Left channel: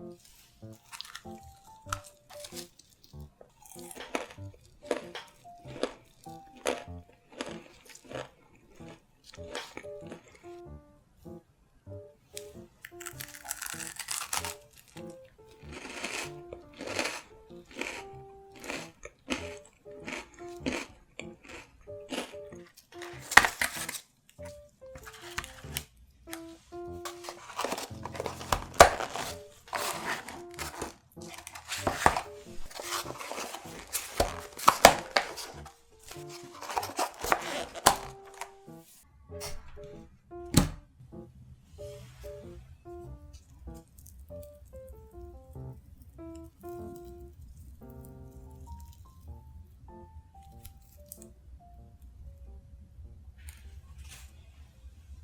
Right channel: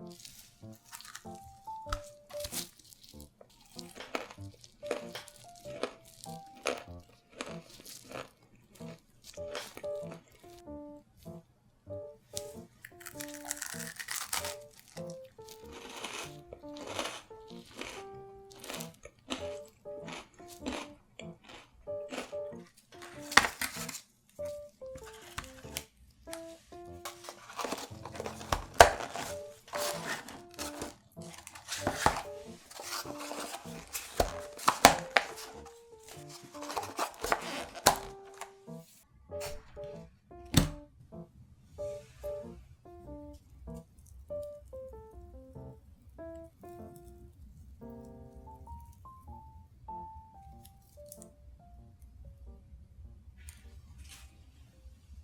Mm-hmm.